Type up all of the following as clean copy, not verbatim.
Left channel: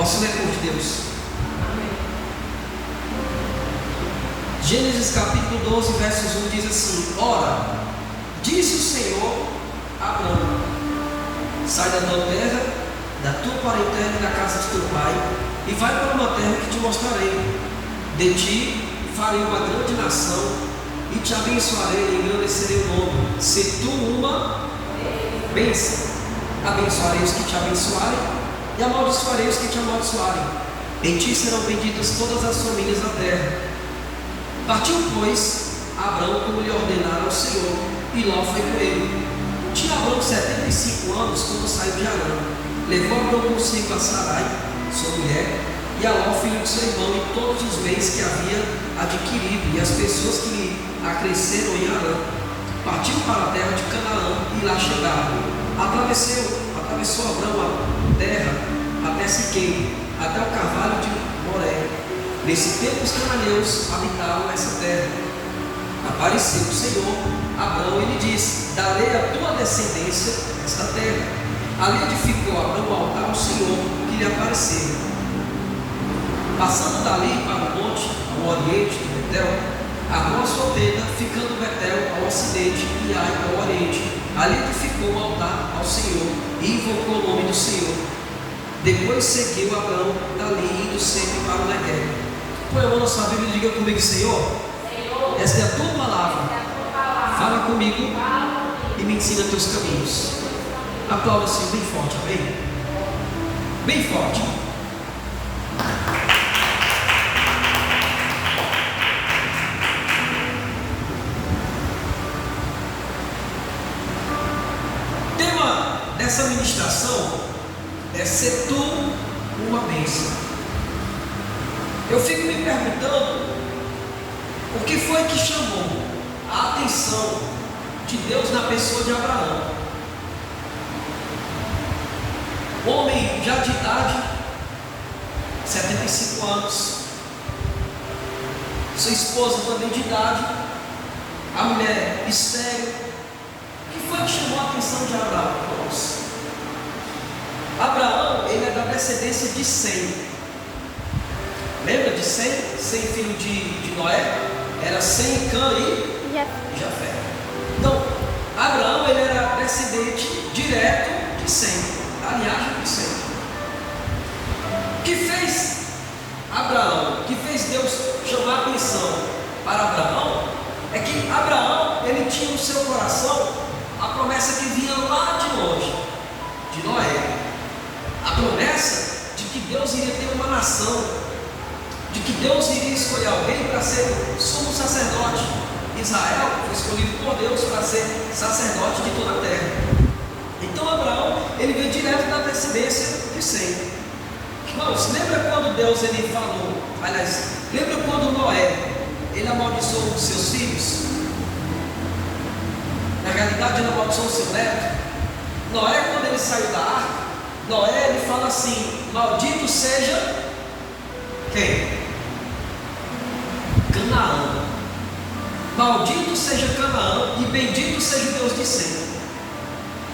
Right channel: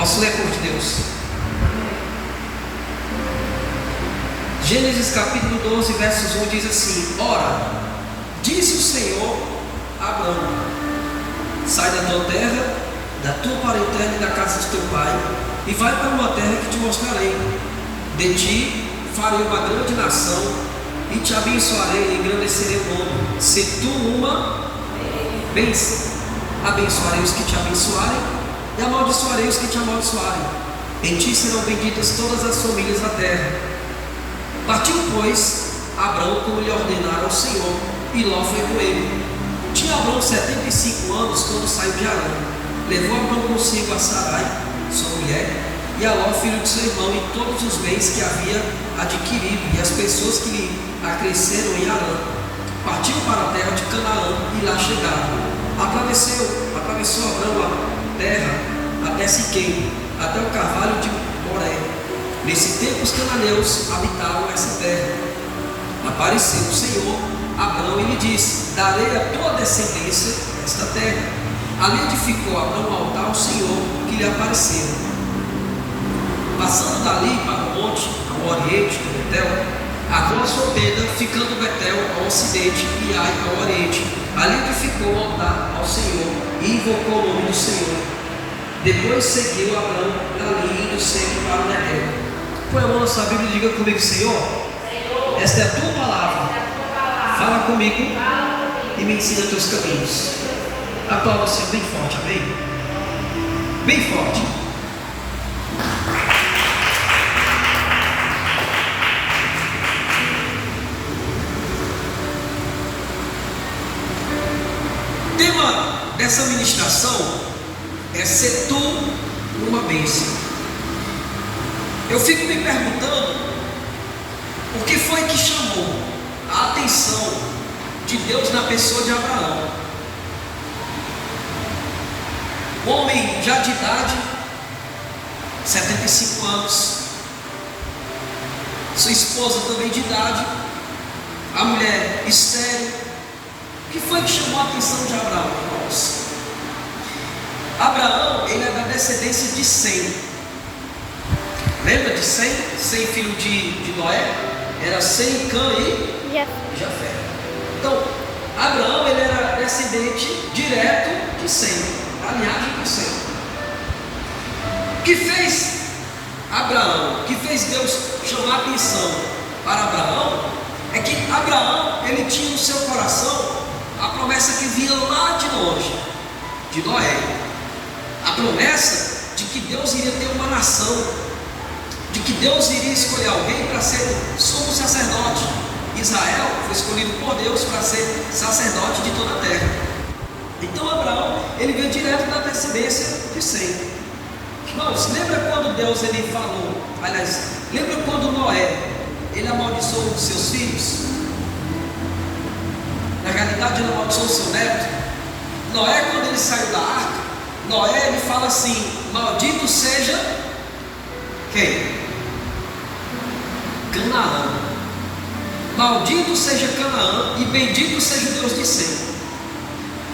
Posso ler por Deus? Gênesis capítulo 12, versos 1 diz assim: Ora, disse o Senhor a Abraão: sai da tua terra, da tua parentela e da casa de teu pai, e vai para uma terra que te mostrarei. De ti farei uma grande nação, e te abençoarei e engrandecerei o nome. Se tu uma bênção, abençoarei os que te abençoarem, e amaldiçoarei os que te amaldiçoarem. Em ti serão benditas todas as famílias da terra. Partiu, pois, Abraão como lhe ordenara o Senhor, e Ló foi com ele. Tinha Abraão 75 anos quando saiu de Harã. Levou Abraão consigo a Sarai, sua mulher, e a Ló, filho de seu irmão, e todos os bens que havia adquirido, e as pessoas que lhe acresceram em Harã. Partiu para a terra de Canaã, e lá chegaram. Atravessou Abraão a terra até Siquém, até o carvalho de Moré. Nesse tempo os cananeus habitavam essa terra. Apareceu o Senhor a Abraão e lhe disse: darei à tua descendência esta terra. Ali edificou Abraão um altar ao Senhor que lhe apareceu. Passando dali para o monte, ao oriente de Betel, armou a sua tenda, ficando Betel ao ocidente e Ai ao oriente. Ali edificou um altar ao Senhor e invocou o nome do Senhor. Depois seguiu Abraão dali, indo sempre para o Negueb. Põe a mão na sua Bíblia e diga comigo: Senhor, esta é a tua palavra. Fala comigo e me ensina os teus caminhos. Aplauda o Senhor bem forte, amém? Bem forte. O tema dessa ministração é ser tu uma bênção. Eu fico me perguntando o que foi que chamou a atenção de Deus na pessoa de Abraão. Homem já de idade, 75 anos, sua esposa também de idade, a mulher estéril. O que foi que chamou a atenção de Abraão, irmãos? Abraão, ele é da descendência de Sem. Lembra de Sem? Sem, filho de Noé? Era Sem, Cã e Jafé. Então, Abraão, ele era descendente direto de Sem, da linhagem de Sem. O que fez Abraão, o que fez Deus chamar a atenção para Abraão, é que Abraão, ele tinha no seu coração a promessa que vinha lá de longe, de Noé. A promessa de que Deus iria ter uma nação, de que Deus iria escolher alguém para ser sumo sacerdote. Israel foi escolhido por Deus para ser sacerdote de toda a terra. Então Abraão, ele veio direto da descendência de Sem. Irmãos, lembra quando Deus ele falou, aliás, lembra quando Noé, ele amaldiçoou os seus filhos? Na realidade ele amaldiçoou o seu neto. Noé, quando ele saiu da arca, Noé, ele fala assim: maldito seja quem? Canaã. Maldito seja Canaã e bendito seja o Deus de Sem.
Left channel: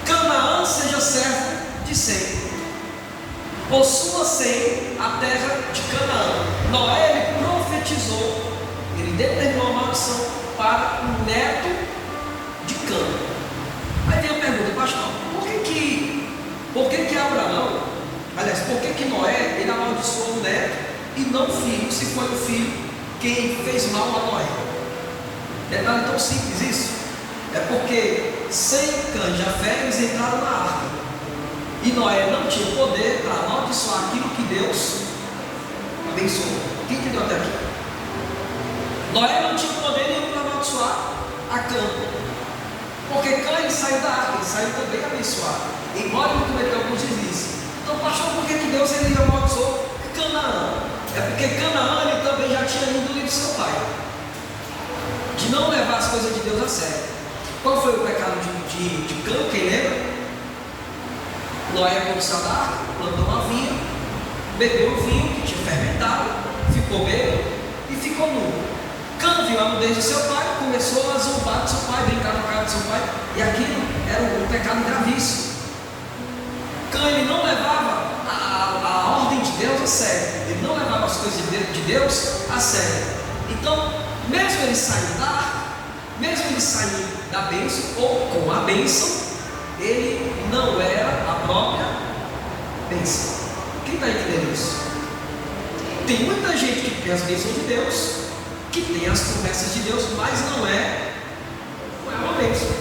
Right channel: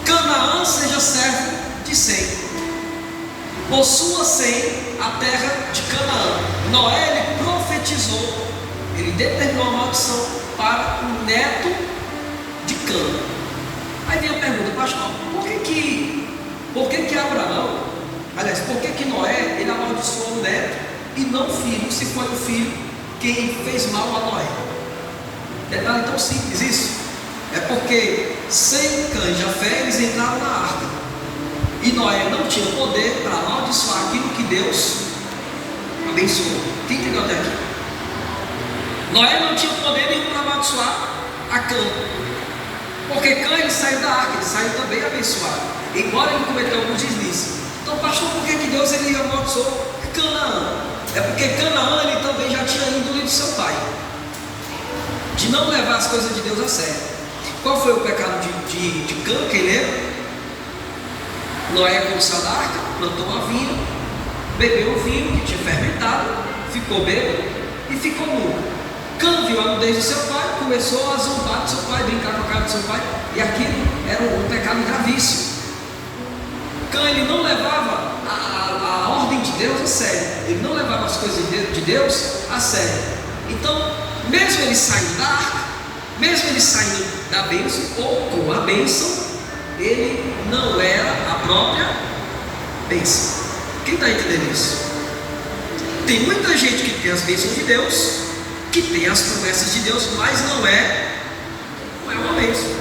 Canaã seja servo de Sem. Possua Sem a terra de Canaã. Noé, ele profetizou, ele determinou a maldição para o neto de Cã. Aí vem a pergunta: pastor, por que Abraão, aliás, por que Noé, ele amaldiçoou o neto e não o filho, se foi o filho quem fez mal a Noé? Detalhe tão simples isso. É porque Sem, Cã e Jafé, eles entraram na arca, e Noé não tinha poder para amaldiçoar aquilo que Deus abençoou. Quem entendeu até aqui? Noé não tinha poder nenhum para amaldiçoar a Cã, porque Cã, ele saiu da arca, ele saiu também abençoado, embora ele cometeu alguns deslizes. Então, pastor, por que Deus ele amaldiçoou Canaã? É porque Canaã, ele também já tinha índole do seu pai, de não levar as coisas de Deus a sério. Qual foi o pecado de Cã? Quem lembra? Noé, quando saiu da arca, plantou uma vinha, bebeu o vinho que tinha fermentado, ficou bêbado e ficou nu. Cã viu a nudez do seu pai, começou a zombar do seu pai, brincar com a cara do seu pai, e aquilo era um pecado gravíssimo. Cã, ele não levava a ordem de Deus a sério, ele não levava as coisas de Deus a sério. Então, mesmo ele saindo da arca, mesmo ele saindo da bênção, ou com a bênção, ele não era a própria bênção. Quem está entendendo isso? Tem muita gente que tem as bênçãos de Deus, que tem as promessas de Deus, mas não é uma bênção.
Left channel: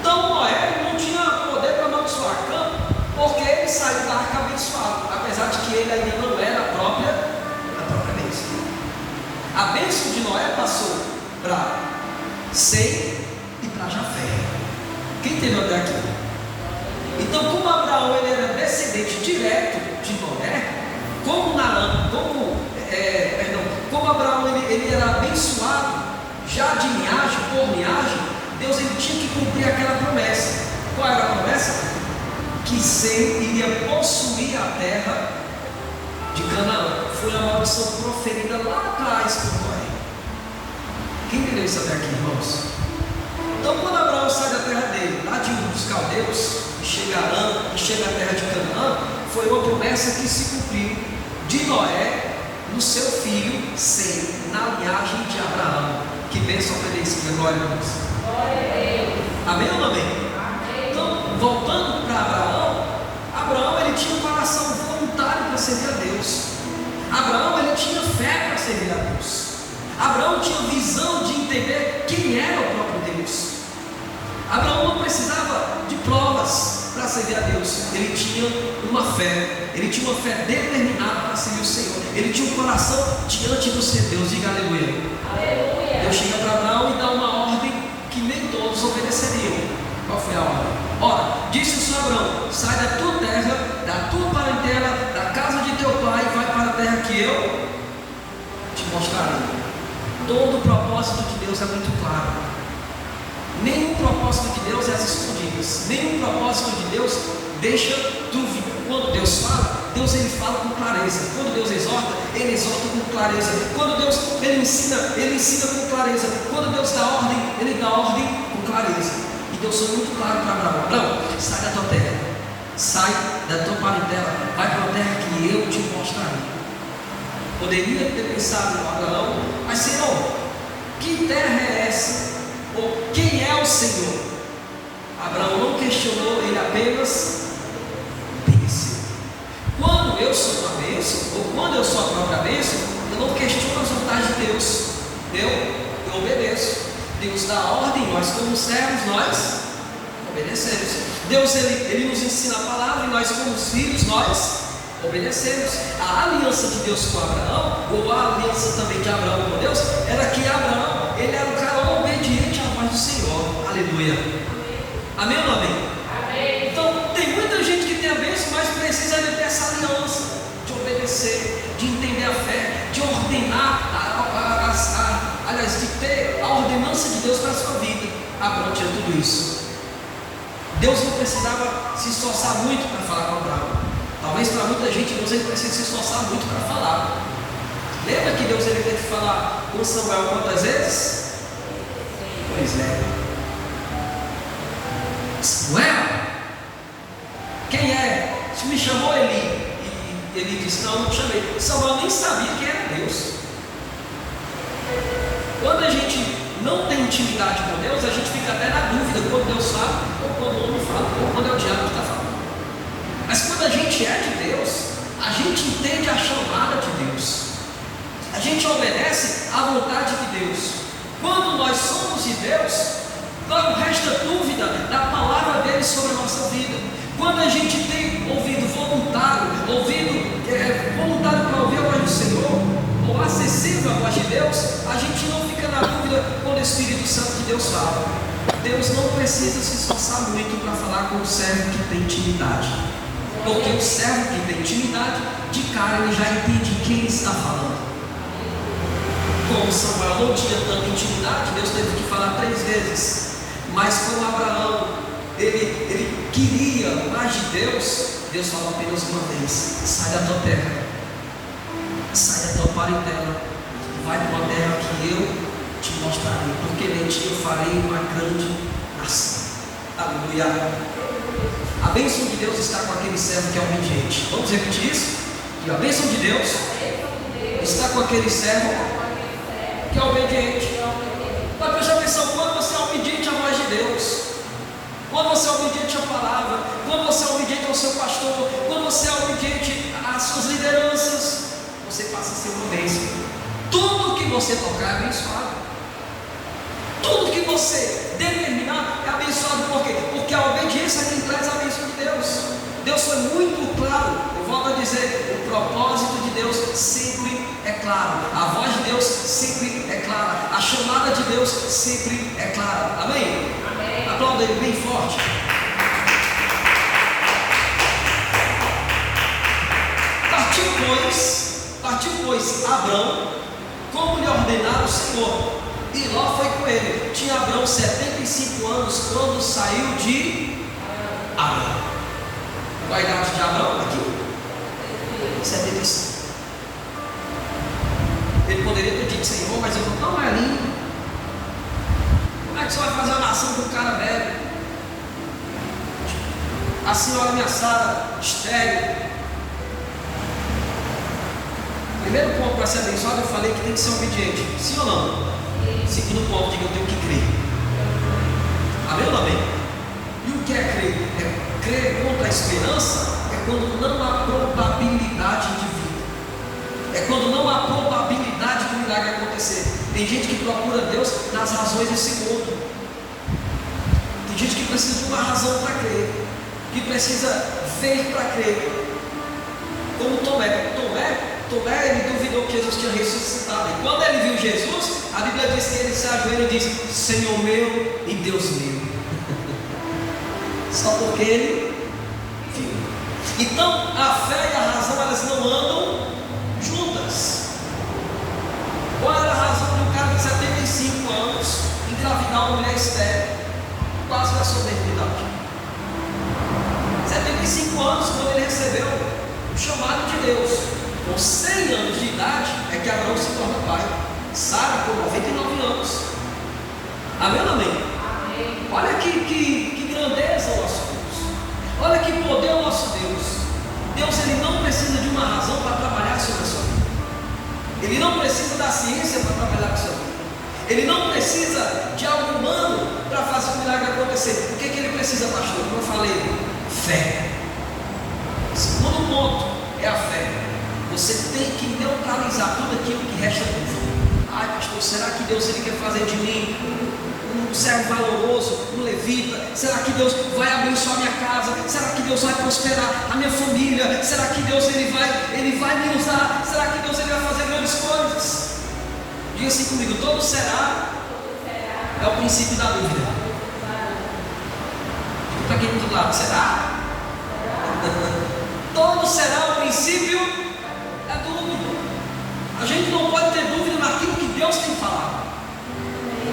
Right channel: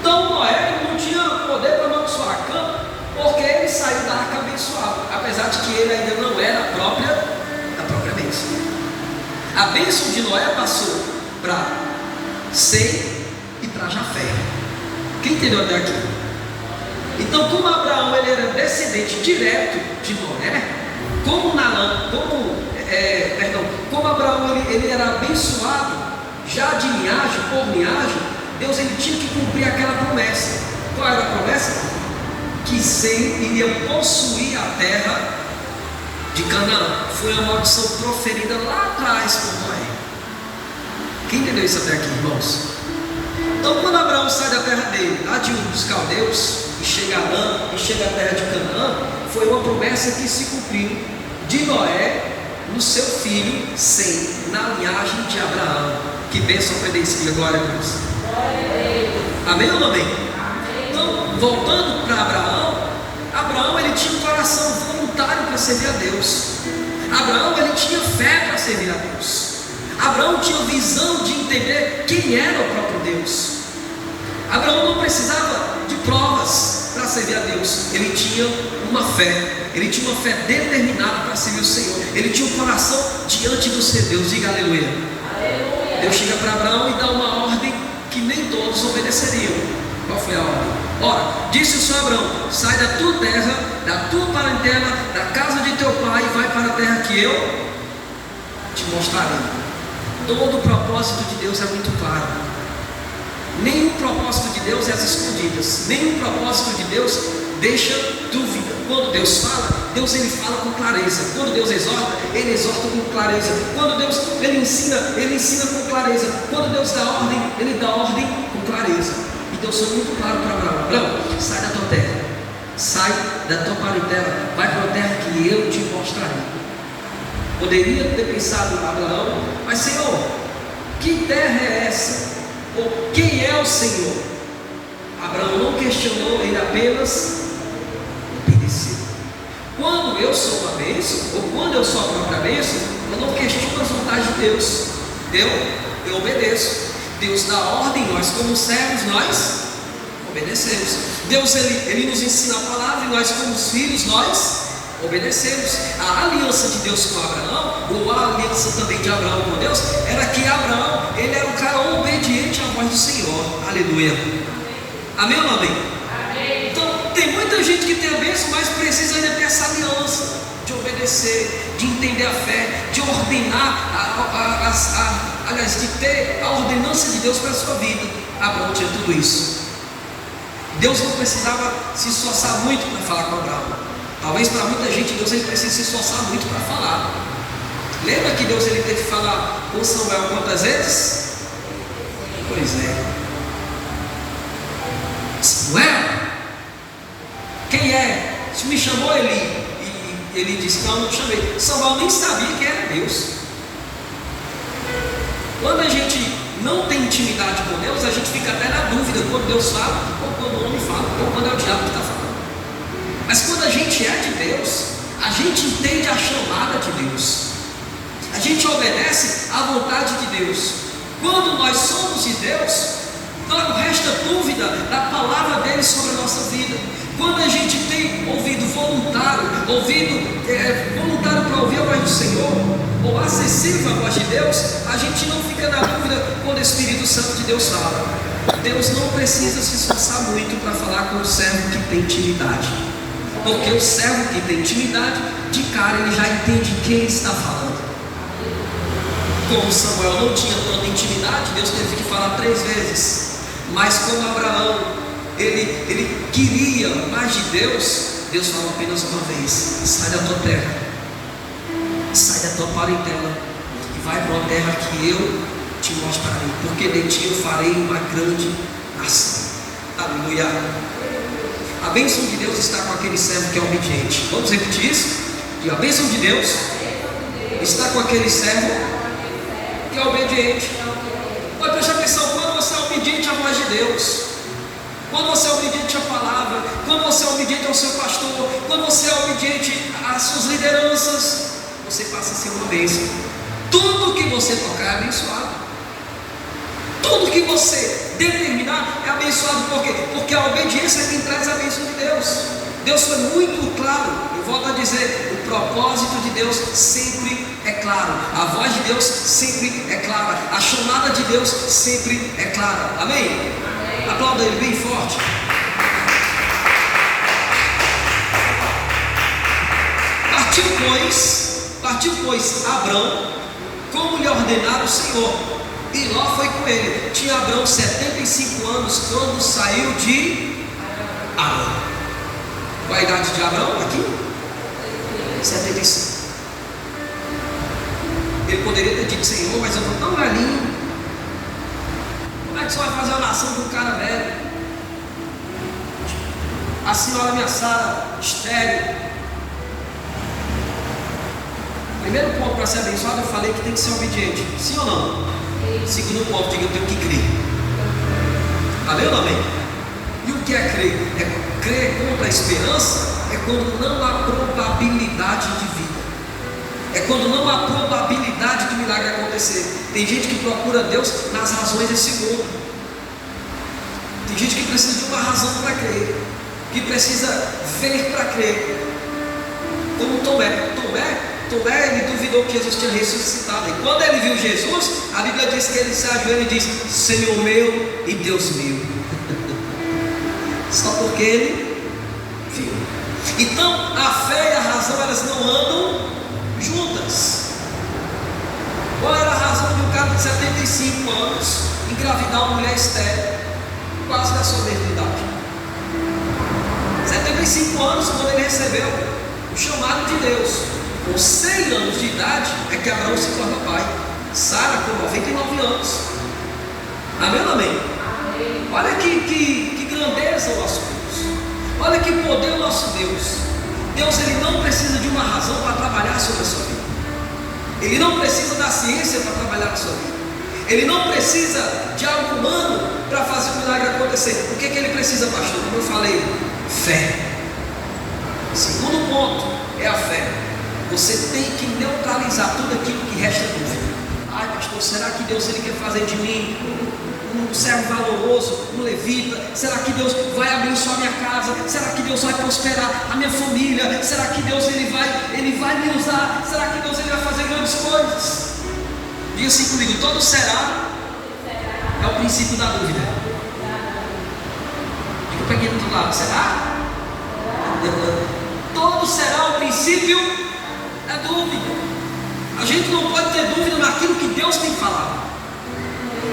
Então Noé não tinha poder para amaldiçoar Cã, porque ele saiu da arca abençoado, apesar de que ele ainda não era a própria bênção. A bênção de Noé passou para Sem e para Jafé. Quem entendeu até aqui? Então, como Abraão ele era descendente direto de Noé, como Abraão ele era abençoado já de linhagem por linhagem, Deus ele tinha que cumprir aquela promessa. Qual era a promessa? Que Sem iria possuir a terra de Canaã. Foi uma maldição proferida lá atrás por Noé. Quem entendeu isso até aqui, irmãos? Então, quando Abraão sai da terra dele, lá de Ur dos Caldeus, e chega à terra de Canaã, foi uma promessa que se cumpriu de Noé no seu filho Sem, na linhagem de Abraão. Que bênção obedecida, glória a Deus. Amém ou não amém? Então, voltando para Abraão ele tinha um coração voluntário para servir a Deus. Abraão ele tinha fé para servir a Deus. Abraão tinha visão de entender quem era o próprio Deus. Abraão não precisava de provas para servir a Deus. Ele tinha uma fé determinada para servir o Senhor. Ele tinha um coração diante do seu Deus. Diga aleluia. Deus chega para Abraão e dá uma ordem que nem todos obedeceriam. Qual foi a ordem? Ora, disse o Senhor a Abraão: sai da tua terra, da tua parentela, da casa de teu pai, e vai para a terra que eu te mostrarei. Todo o propósito de Deus é muito claro. Nenhum propósito de Deus é às escondidas. Nenhum propósito de Deus deixa dúvida. Quando Deus fala, Deus ele fala com clareza. Quando Deus exorta, ele exorta com clareza. Quando Deus ele ensina com clareza. Quando Deus dá ordem, ele dá ordem com clareza. E Deus foi muito claro para Abraão: Abraão, sai da tua terra, sai da tua parentela, vai para a terra que eu te mostrarei. Poderia ter pensado em Abraão: mas Senhor, que terra é essa? Ou quem é o Senhor? Abraão não questionou, ele apenas obedeceu. Quando eu sou uma bênção, ou quando eu sou a própria bênção, eu não questiono as vontades de Deus. Eu obedeço. Deus dá ordem, nós como servos, nós obedecemos. Deus ele nos ensina a palavra e nós como filhos, nós obedecemos. A aliança de Deus com Abraão, ou a aliança também de Abraão com Deus, era que Abraão, ele era um cara obediente à voz do Senhor. Aleluia. Amém ou não amém? Amém. Então, tem muita gente que tem a bênção, mas precisa ainda ter essa aliança de obedecer, de entender a fé, de ordenar, aliás, de ter a ordenança de Deus para a sua vida. Abraão tinha tudo isso. Deus não precisava se esforçar muito para falar com Abraão. Talvez para muita gente Deus ele precisa se esforçar muito para falar. Lembra que Deus ele teve que falar com Samuel quantas vezes? Pois é. Samuel, quem é? Se me chamou Eli. E ele disse: não te chamei. Samuel nem sabia quem era Deus. Quando a gente não tem intimidade com Deus, a gente fica até na dúvida quando Deus fala, ou quando o homem fala, ou quando é o diabo que está falando. Mas quando a gente é de Deus, a gente entende a chamada de Deus, a gente obedece à vontade de Deus. Quando nós somos de Deus, não resta dúvida da palavra dele sobre a nossa vida. Quando a gente tem ouvido voluntário para ouvir a voz do Senhor, ou acessível à voz de Deus, a gente não fica na dúvida quando o Espírito Santo de Deus fala. Deus não precisa se esforçar muito para falar com o servo que tem intimidade. Porque o servo que tem intimidade, de cara ele já entende quem ele está falando. Como Samuel não tinha tanta intimidade, Deus teve que falar 3 vezes. Mas como Abraão, ele queria mais de Deus, Deus falou apenas uma vez: sai da tua terra, sai da tua parentela, e vai para uma terra que eu te mostrarei, porque de ti eu farei uma grande nação. Aleluia. A bênção de Deus está com aquele servo que é obediente. Vamos repetir isso? E a bênção de Deus está com aquele servo que é obediente. Pode prestar atenção, quando você é obediente à voz de Deus, quando você é obediente à palavra, quando você é obediente ao seu pastor, quando você é obediente às suas lideranças, você passa a ser uma bênção. Tudo que você tocar é abençoado. Tudo que você determinar é abençoado. Por quê? Porque a obediência é quem traz a bênção de Deus. Deus foi muito claro. Eu volto a dizer, o propósito de Deus sempre é claro. A voz de Deus sempre é clara. A chamada de Deus sempre é clara. Amém? Amém. Aplauda ele bem forte. Partiu, pois, Abrão, como lhe ordenara o Senhor, e Ló foi com ele. Tinha Abrão 75 anos quando saiu de Arã. Qual a idade de Abrão aqui? 75. Ele poderia ter dito: Senhor, mas eu estou tão velhinho. Como é que você vai fazer a nação de um cara velho? A senhora minha Sara, estéril. Primeiro ponto para ser abençoado, eu falei que tem que ser obediente. Sim ou não? Segundo ponto, diga: eu tenho que crer. Amém ou não amém? E o que é crer? É crer contra a esperança. É quando não há probabilidade de vida. É quando não há probabilidade do milagre acontecer. Tem gente que procura Deus nas razões desse mundo. Tem gente que precisa de uma razão para crer, que precisa ver para crer. Como Tomé, ele duvidou que Jesus tinha ressuscitado. E quando ele viu Jesus, a Bíblia diz que ele se ajoelha e diz: Senhor meu e Deus meu. Só porque ele viu. Então a fé e a razão, elas não andam juntas. Qual era a razão de um cara de 75 anos engravidar uma mulher estéril, quase da sua idade? 75 anos, quando ele recebeu o chamado de Deus. Com 100 anos de idade é que Abraão se torna pai. Sara com 99 anos. Amém ou não amém? Amém. Olha que grandeza o nosso Deus. Olha que poder o nosso Deus. Deus, ele não precisa de uma razão para trabalhar sobre a sua vida. Ele não precisa da ciência para trabalhar na sua vida. Ele não precisa de algo humano para fazer o milagre acontecer. O que ele precisa, pastor? Como eu falei, fé. O segundo ponto é a fé. Você tem que neutralizar tudo aquilo que resta dúvida. Ai, pastor, será que Deus ele quer fazer de mim um servo valoroso, um levita? Será que Deus vai abençoar minha casa? Será que Deus vai prosperar a minha família? Será que Deus ele vai me usar? Será que Deus ele vai fazer grandes coisas? Diga assim comigo: todo será é o princípio da dúvida. Diga para quem do outro lado: será? Todo será o princípio da dúvida. A gente não pode ter dúvida naquilo que Deus tem falado.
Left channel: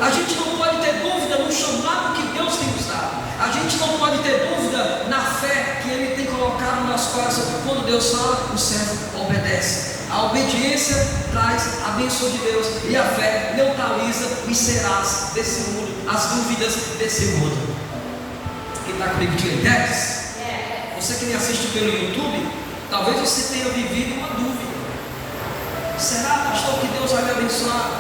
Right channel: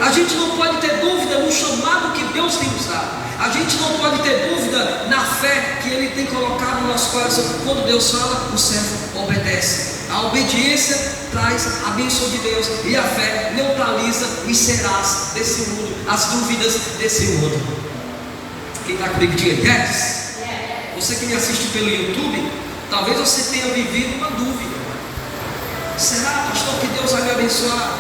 A gente não pode ter dúvida no chamado que Deus tem nos dado. A gente não pode ter dúvida na fé que Ele tem colocado no nosso coração. Quando Deus fala, o servo obedece. A obediência traz a bênção de Deus, e a fé neutraliza os serás desse mundo, as dúvidas desse mundo. Quem está comigo, diga yes. Você que me assiste pelo YouTube, talvez você tenha vivido uma dúvida. Será, pastor, que Deus vai me abençoar?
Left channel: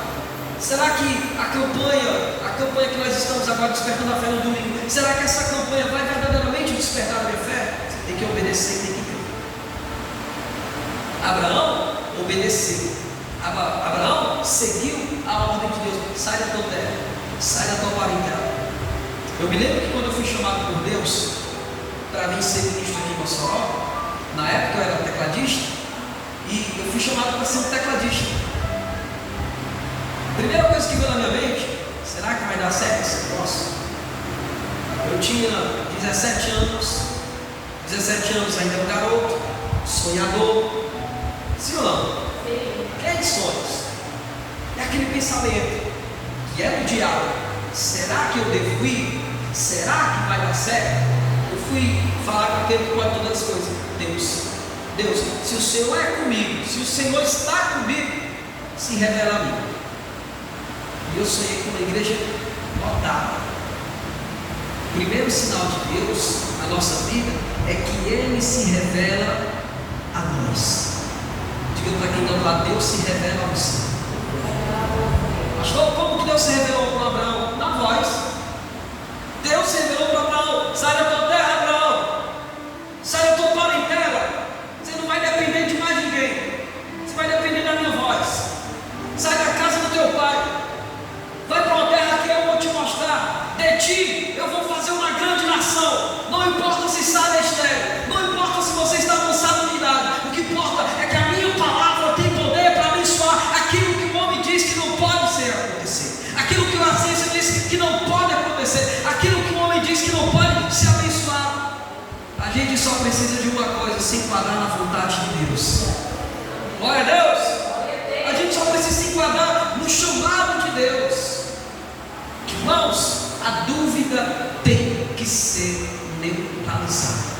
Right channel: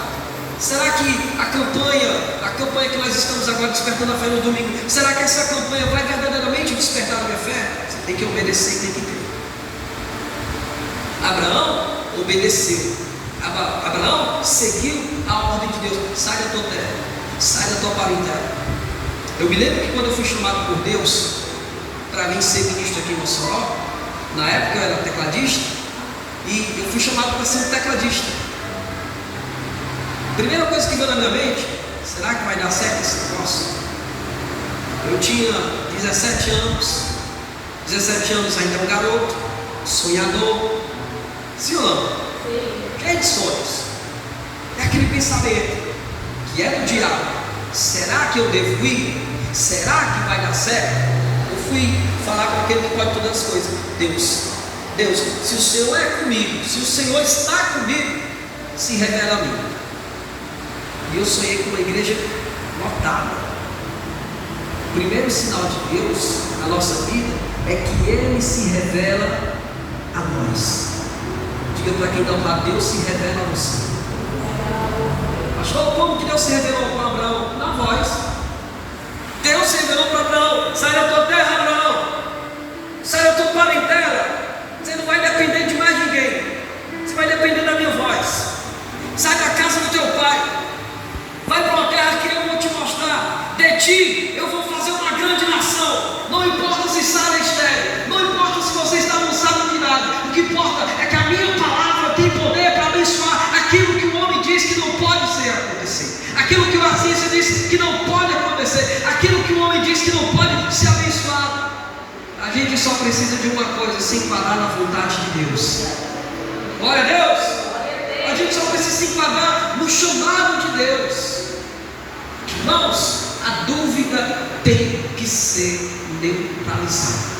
Será que a campanha que nós estamos agora despertando a fé no domingo, será que essa campanha vai verdadeiramente despertar a minha fé? Você tem que obedecer e tem que crer. Abraão obedeceu. Abraão seguiu a ordem de Deus: sai da tua terra, sai da tua parentela. Eu me lembro que quando eu fui chamado por Deus para vir ser ministro aqui em Mossoró, na época eu era tecladista, e eu fui chamado para ser um tecladista. Primeira coisa que veio na minha mente: será que vai dar certo esse negócio? Eu tinha 17 anos. 17 anos ainda era um garoto, sonhador. Sim ou não? Sim. Cheio de sonhos. É aquele pensamento que é do diabo: será que eu devo ir? Será que vai dar certo? Eu fui falar com aquele que pode todas as coisas: Deus, se o Senhor é comigo, se o Senhor está comigo, se revela a mim. E eu sonhei com uma igreja lotada. O primeiro sinal de Deus na nossa vida é que Ele se revela a nós. dúvida para quem não está, Deus se revela a você. Pastor, como que Deus se revelou com Abraão? Na voz. Deus se revelou para Abraão: sai da tua terra, Abraão, sai da tua parentela. Você não vai depender de mais ninguém, você vai depender da minha voz. Sai da casa do teu pai, vai para uma terra que eu vou te mostrar. De ti eu vou fazer uma grande nação. Não importa se Sara é estéril, não importa se você está avançado de nada. O que importa é que a minha palavra tem poder para abençoar aquilo que o homem diz que não pode ser acontecer, aquilo que a ciência diz que não pode acontecer, aquilo que o homem diz que não pode ser abençoado. A gente só precisa de uma coisa: se enquadrar na vontade de Deus. Glória a Deus. A gente só precisa se enquadrar no chamado de Deus. Irmãos, a dúvida tem que ser neutralizada.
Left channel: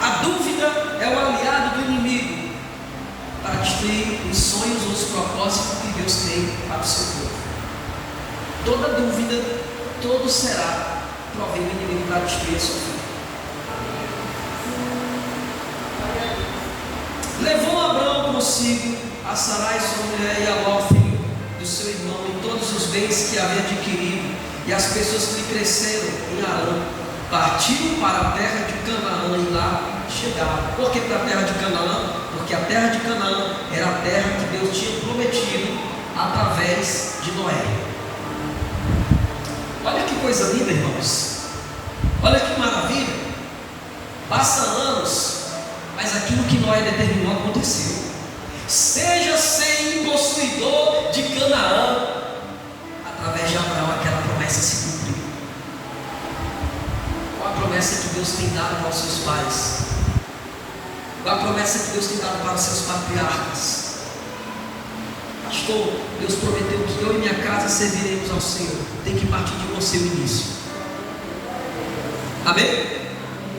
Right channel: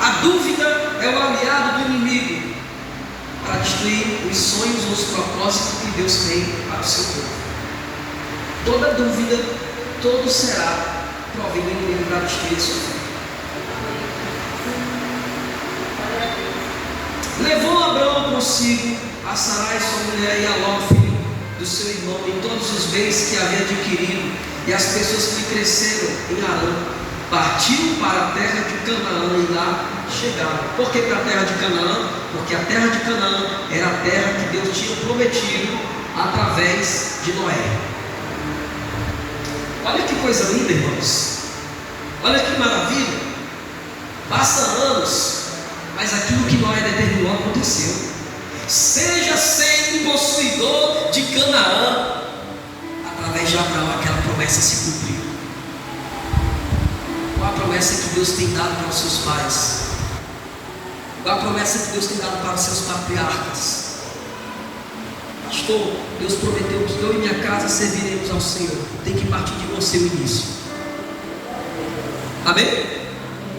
A dúvida é o aliado do inimigo para destruir os sonhos ou os propósitos que Deus tem para o seu povo. Toda dúvida, todo será provém do inimigo para destruir a sua vida. Levou Abraão consigo a Sarai sua mulher e a Ló, filho do seu irmão, e todos os bens que havia adquirido, e as pessoas que cresceram em Arã. Partiram para a terra de Canaã e lá chegaram. Por que para a terra de Canaã? Porque a terra de Canaã era a terra que Deus tinha prometido através de Noé. Olha que coisa linda, irmãos. Olha que maravilha. Passa anos, mas aquilo que Noé determinou aconteceu. Seja sem possuidor de Canaã. Através de Abraão aquela promessa se cumpriu. Qual a promessa que Deus tem dado para os seus pais? Qual a promessa que Deus tem dado para os seus patriarcas? Pastor, Deus prometeu que eu e minha casa serviremos ao Senhor. Tem que partir de você o início. Amém?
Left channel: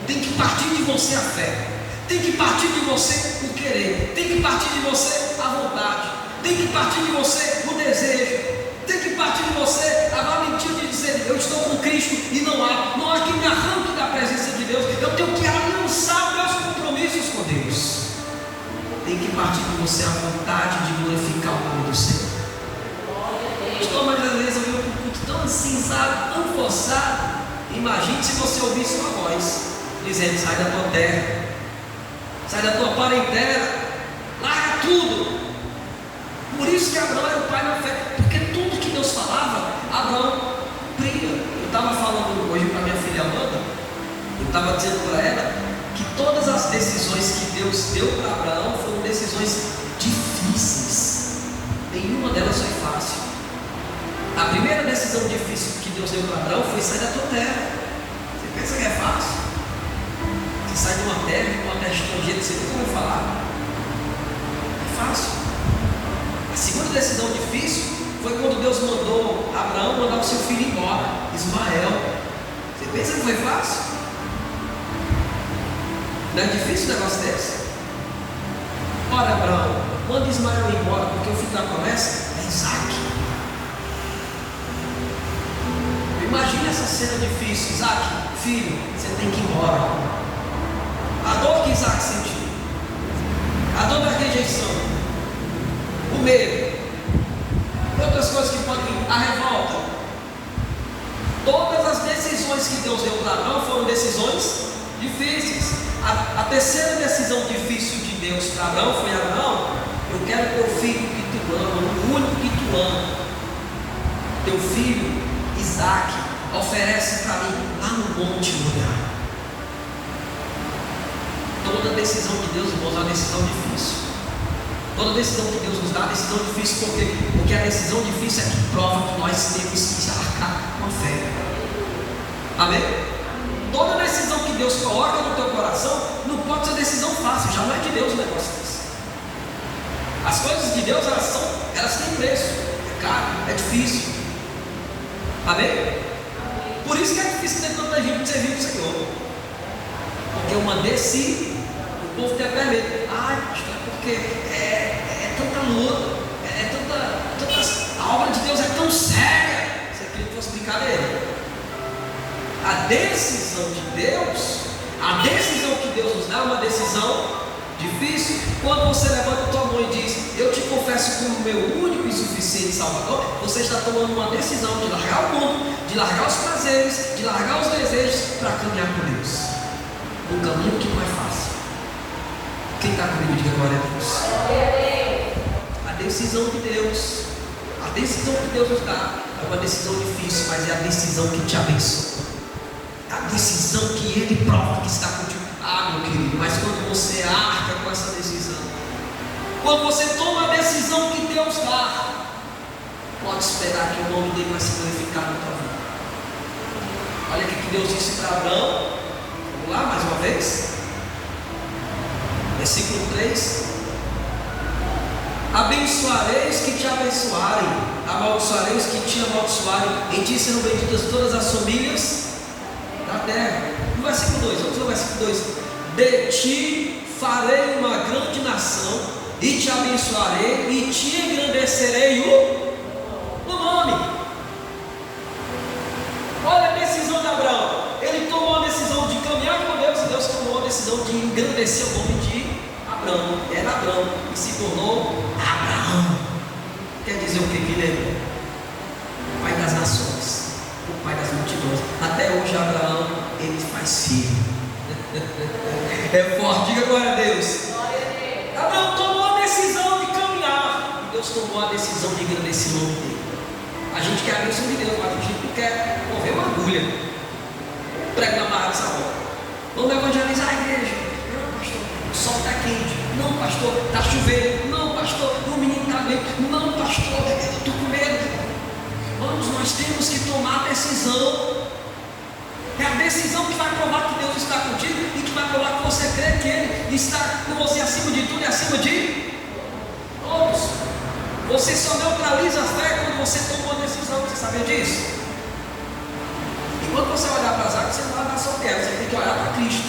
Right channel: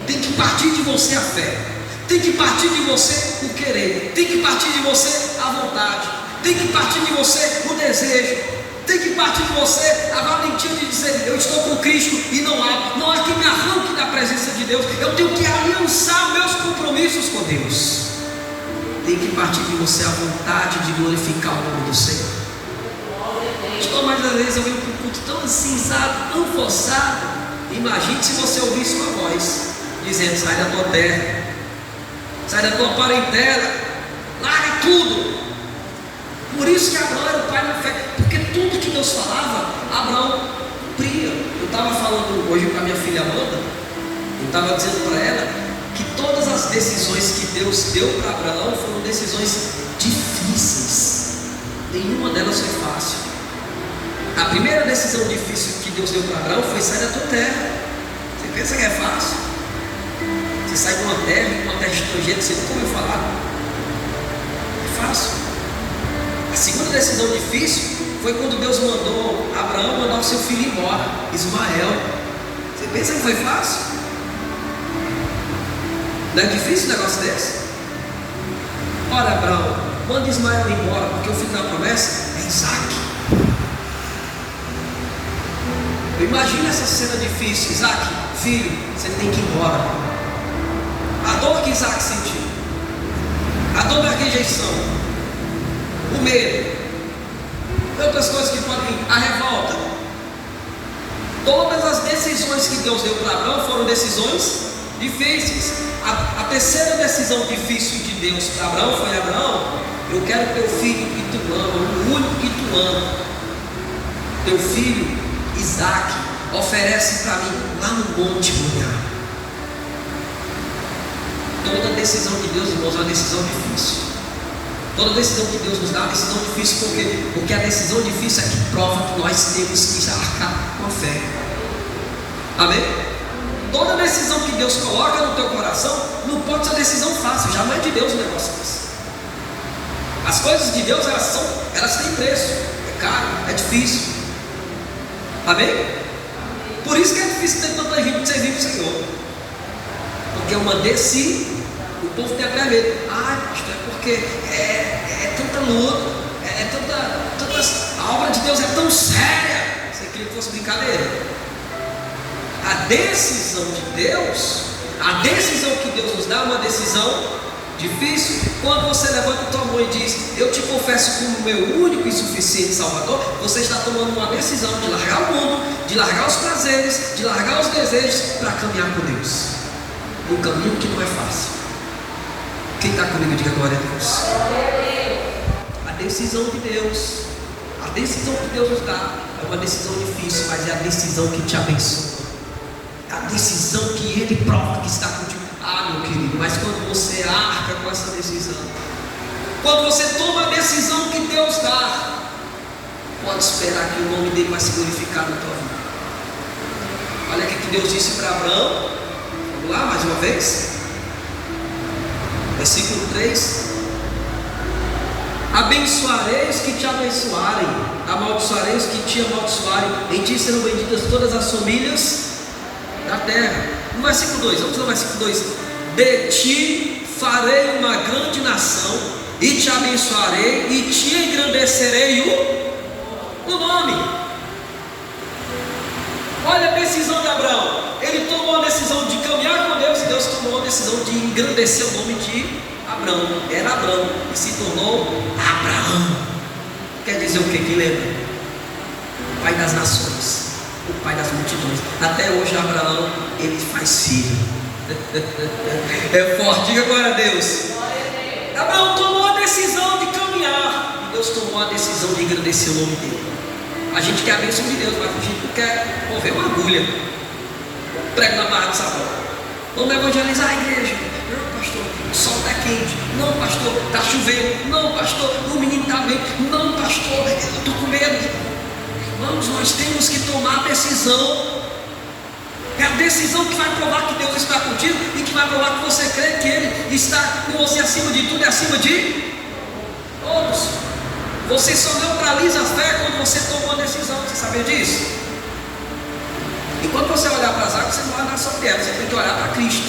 Tem que partir de você a fé. Tem que partir de você o querer. Tem que partir de você a vontade. Tem que partir de você o desejo. Tem que partir de você a valentia de dizer: eu estou com Cristo e não há que me arranque da presença de Deus. Eu tenho que aliançar os meus compromissos com Deus. Tem que partir de você a vontade de glorificar o nome do Senhor. Pastor, mas às vezes eu venho para um culto tão assim, sabe, tão forçado. Imagine se você ouvisse uma voz dizendo: sai da tua terra, sai da tua parentela, larga tudo. Por isso que Abraão era o pai na fé, porque tudo que Deus falava, Abraão cumpria. Eu estava falando hoje para minha filha Amanda, eu estava dizendo para ela que todas as decisões que Deus deu para Abraão foram decisões difíceis. Nenhuma delas foi fácil. A primeira decisão difícil que Deus deu para Abraão foi: sai da tua terra. Você pensa que é fácil? Você sai de uma terra estrangeira, você nunca vai falar. É fácil. A segunda decisão difícil foi quando Deus mandou Abraão mandar o seu filho embora, Ismael. Você pensa que foi fácil? Não é difícil um negócio desse? Olha, Abraão, manda Ismael embora, porque o filho da promessa é Isaac. Imagina essa cena difícil: Isaac, filho, você tem que ir embora. A dor que Isaac sentiu, a dor da rejeição, o medo, outras coisas que podem vir, a revolta. Todas as decisões que Deus deu para Abraão foram decisões difíceis. A terceira decisão difícil de Deus para Abraão foi: Abraão, eu quero teu filho que tu ama, o único que tu ama, teu filho Isaac, oferece para mim lá no Monte Moriá. Toda decisão de Deus, irmãos, é uma decisão difícil. Toda decisão que Deus nos dá é uma decisão difícil. Por quê? Porque a decisão difícil é que prova que nós temos que arcar com a fé. Amém? Toda decisão que Deus coloca no teu coração não pode ser decisão fácil. Já não é de Deus o negócio desse. As coisas de Deus, elas têm preço. É caro, é difícil. Amém? Por isso que é difícil ter tanta gente servir o Senhor. Porque eu mandei sim, o povo tem até medo. Ai, pastor, é porque é tanta luta, a obra de Deus é tão séria. Você queria que fosse brincadeira? A decisão de Deus, a decisão que Deus nos dá é uma decisão difícil. Quando você levanta a tua mão e diz: eu te confesso como meu único e suficiente Salvador, você está tomando uma decisão de largar o mundo, de largar os prazeres, de largar os desejos para caminhar com Deus. Um caminho que não é fácil. Quem está comigo, diga glória a Deus. A decisão de Deus, a decisão que Deus nos dá, é uma decisão difícil, mas é a decisão que te abençoa. A decisão que Ele prova que está contigo. Ah, meu querido, mas quando você arca com essa decisão, quando você toma a decisão que Deus dá, pode esperar que o nome dele vai se glorificar na tua vida. Olha o que Deus disse para Abraão. Vamos lá, mais uma vez. Versículo 3: abençoarei os que te abençoarem, amaldiçoarei os que te amaldiçoarem, em ti serão benditas todas as famílias da terra. No versículo 2, vamos no versículo 2: de ti farei uma grande nação, e te abençoarei, e te engrandecerei o nome. Olha a decisão de Abraão. Ele tomou a decisão de caminhar com Deus, e Deus tomou a decisão de engrandecer o nome de Abraão. Era Abraão e se tornou Abraão. Quer dizer o que lembra? O pai das nações, o pai das multidões. Até hoje Abraão, ele faz filho. É forte, diga glória a Deus. Abraão tomou a decisão de caminhar, e Deus tomou a decisão de engrandecer o nome dele. A gente quer a bênção de Deus, mas a gente não quer mover uma agulha. Prego na barra de sabão. Vamos evangelizar a igreja. Não, pastor, o sol está quente. Não, pastor, está chovendo. Não, pastor, o menino está bem. Não, pastor, eu estou com medo. Vamos, nós temos que tomar a decisão. É a decisão que vai provar que Deus está contigo, e que vai provar que você crê que Ele está com você acima de tudo e acima de todos. Você só neutraliza a fé quando você toma uma decisão. Você sabia disso? E quando você olhar para as águas, você não vai olhar só para ela, você tem que olhar para Cristo.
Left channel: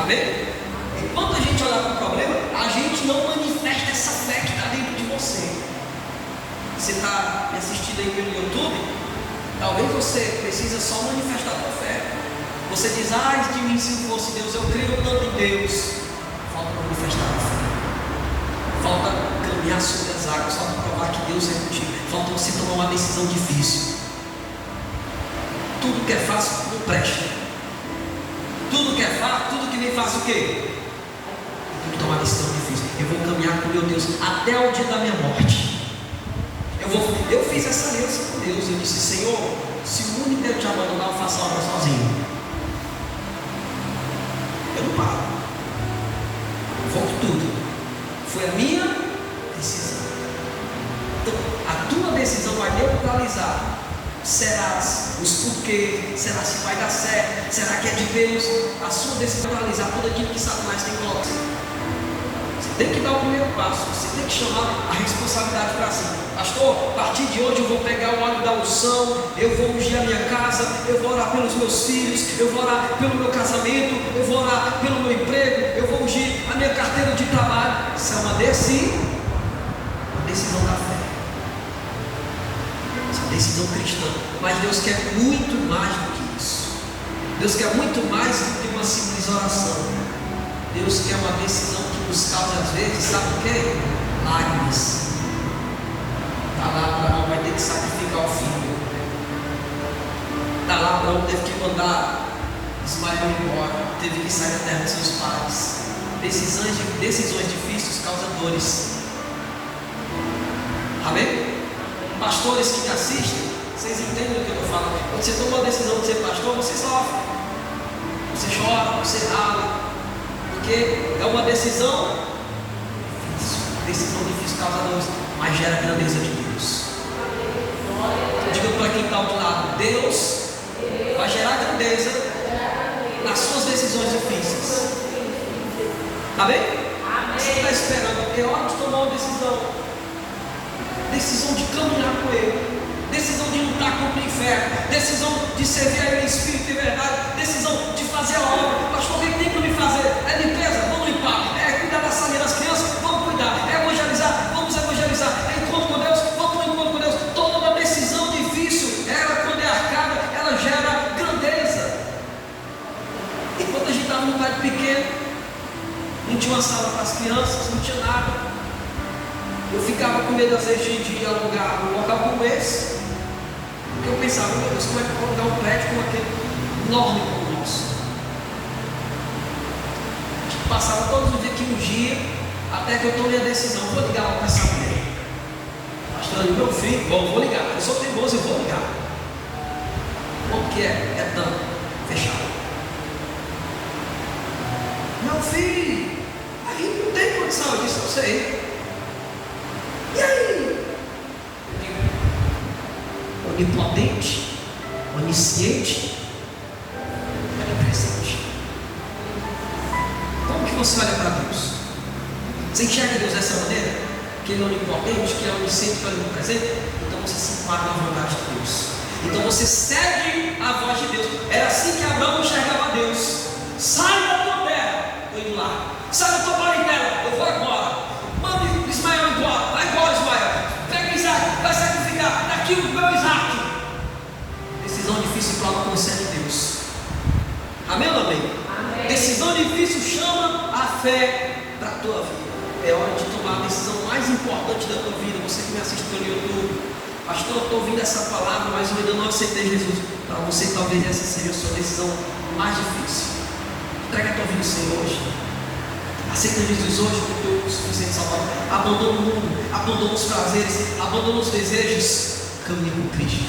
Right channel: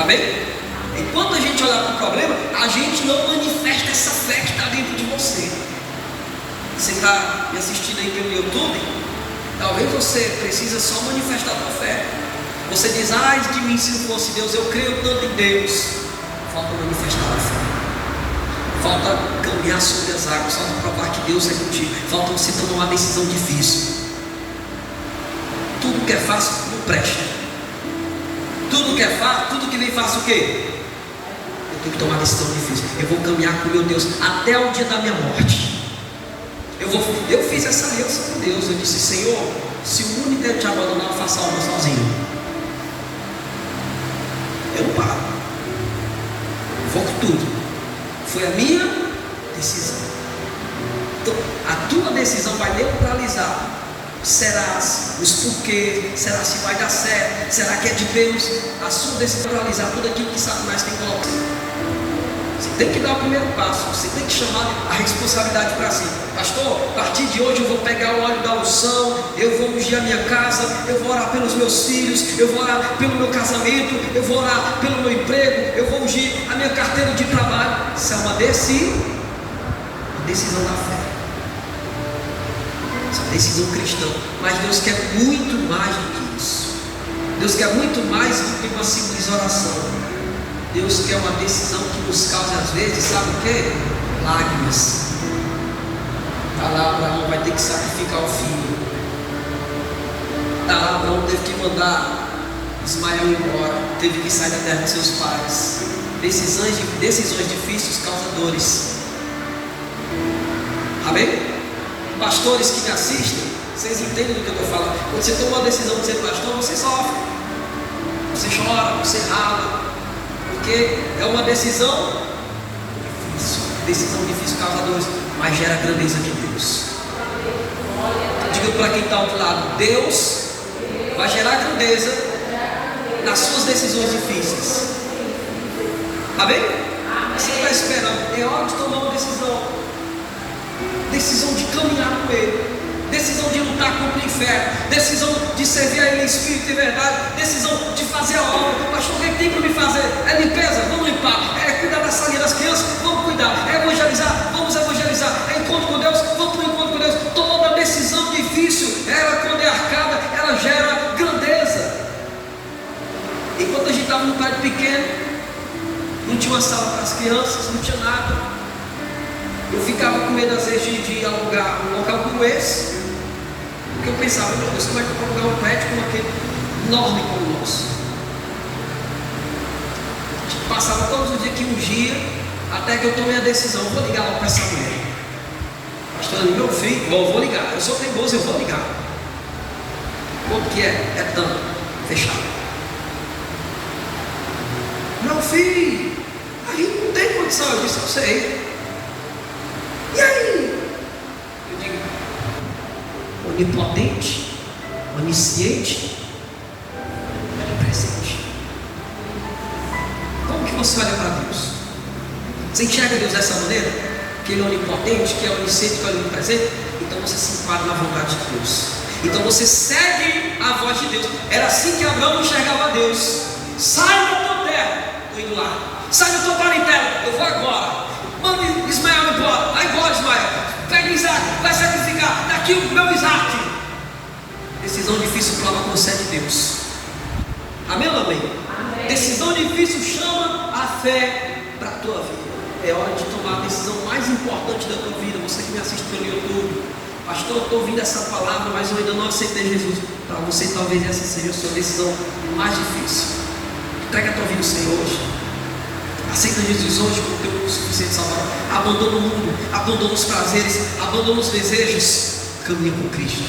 Amém? Enquanto a gente olhar para o problema, a gente não manifesta essa fé que está dentro de você. Você está me assistindo aí pelo YouTube? Talvez você precisa só manifestar a tua fé. Você diz: ai de mim se não fosse Deus, eu creio tanto em Deus. Falta manifestar a fé. Falta caminhar sobre as águas. Falta provar que Deus é contigo. Falta você tomar uma decisão difícil. Tudo que é fácil não presta. Tudo que é fácil, tudo que vem fácil o quê? Eu tenho que tomar uma decisão difícil. Eu vou caminhar com meu Deus até o dia da minha morte. Eu fiz essa aliança com Deus. Eu disse: Senhor, se o único te abandonar, eu faço a obra sozinho. Eu não paro. Eu vou com tudo. Foi a minha decisão. Então, a tua decisão vai neutralizar. Será os porquês? Será se vai dar certo? Será que é de Deus? A sua decisão vai realizar tudo aquilo que Satanás tem colocado. Você tem que dar o primeiro passo. Você tem que chamar a responsabilidade para si. Pastor, a partir de hoje eu vou pegar o óleo da unção, eu vou ungir a minha casa, eu vou orar pelos meus filhos, eu vou orar pelo meu casamento, eu vou orar pelo meu emprego, eu vou ungir a minha carteira de trabalho. Isso é uma decisão da fé. Decisão cristã, mas Deus quer muito mais do que isso. Deus quer muito mais do que uma simples oração. Deus quer uma decisão que nos cause às vezes, sabe o que? Lágrimas. Está lá, Abraão vai ter que sacrificar o filho. Está lá, Abraão teve que mandar Ismael embora, teve que sair da terra dos seus pais. Decisões difíceis causam dores. Amém? Pastores que me assistem, vocês entendem do que eu estou falando. Quando você toma a decisão de ser pastor, você sofre, você chora, você rala, porque é uma decisão difícil, causadores, mas gera a grandeza de Deus. Diga para quem está ao outro lado: Deus vai gerar grandeza nas suas decisões difíceis. Amém? Você está esperando, é hora de tomar uma decisão de caminhar com Ele, decisão de lutar contra o inferno, decisão de servir a Ele em espírito e verdade, decisão de fazer a obra. Pastor, o que tem para me fazer? É limpeza? Vamos limpar. É cuidar da salinha das crianças? Vamos cuidar. É evangelizar? Vamos evangelizar. É encontro com Deus? Vamos para o encontro com Deus. Toda decisão difícil, ela quando é arcada, ela gera grandeza. Enquanto a gente estava no prédio pequeno, não tinha uma sala para as crianças, não tinha nada. Eu ficava com medo às vezes de alugar um local como esse, porque eu pensava, meu Deus, como é que eu vou alugar um prédio como aquele enorme como o nosso? A gente passava todos os dias que ungia, até que eu tomei a decisão, vou ligar lá para essa mulher. Pastor, meu filho, bom, vou ligar, eu sou teimoso, eu vou ligar. Quanto que é tanto, fechado. Meu filho, a gente não tem condição, eu disse, eu sei. E aí? Eu digo, onipotente, onisciente, onipresente. Como que você olha para Deus? Você enxerga Deus dessa maneira? Que Ele é onipotente, que é onisciente, que é onipresente? Então você se enquadra na vontade de Deus. Então você segue a voz de Deus. Era assim que Abraão enxergava Deus. Sai da tua terra, estou indo lá. Sai da tua parentela, eu vou agora. Manda Ismael embora, vai embora Ismael. Pega Isaac, vai sacrificar. Daqui o meu Isaac. Decisão difícil prova com você de Deus. Amém ou não amém? Amém? Decisão difícil chama a fé para a tua vida. É hora de tomar a decisão mais importante da tua vida. Você que me assiste pelo YouTube, pastor, eu estou ouvindo essa palavra, mas eu ainda não aceitei Jesus. Para você, talvez essa seja a sua decisão mais difícil. Entrega a tua vida ao Senhor hoje. Aceita Jesus hoje como teu suficiente salvador. Abandona o mundo, abandona os prazeres, abandona os desejos. Caminha com Cristo.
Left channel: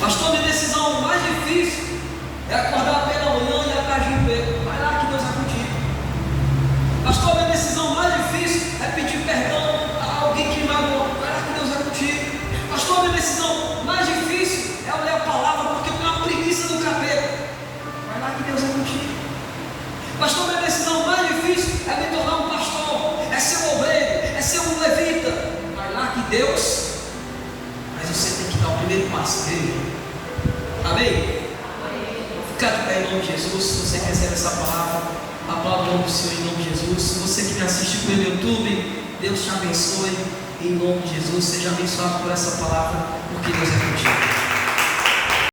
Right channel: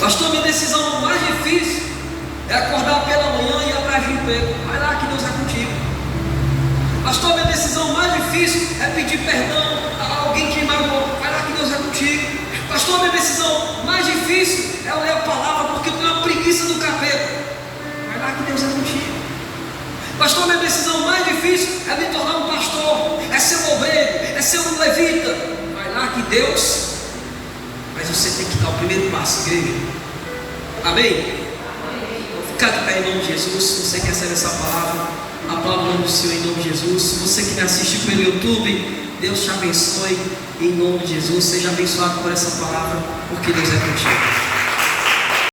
Pastor, minha decisão mais difícil é acordar pela manhã e ir atrás de emprego. Vai lá que Deus é contigo. Pastor, minha decisão mais difícil é pedir perdão a alguém que me magoou. Vai lá que Deus é contigo. Pastor, minha decisão mais difícil é ler a palavra porque eu tenho uma preguiça do capeta. Vai lá que Deus é contigo. Pastor, minha decisão mais difícil é me tornar um pastor, é ser um obreiro, é ser um levita. Vai lá que Deus. Mas você tem que dar o primeiro passo, igreja. Amém? Ficar de pé em nome de Jesus. Se você quer saber essa palavra, aplauda o nome do Senhor em nome de Jesus. Se você que me assiste pelo YouTube, Deus te abençoe em nome de Jesus. Seja abençoado por essa palavra, porque Deus é contigo.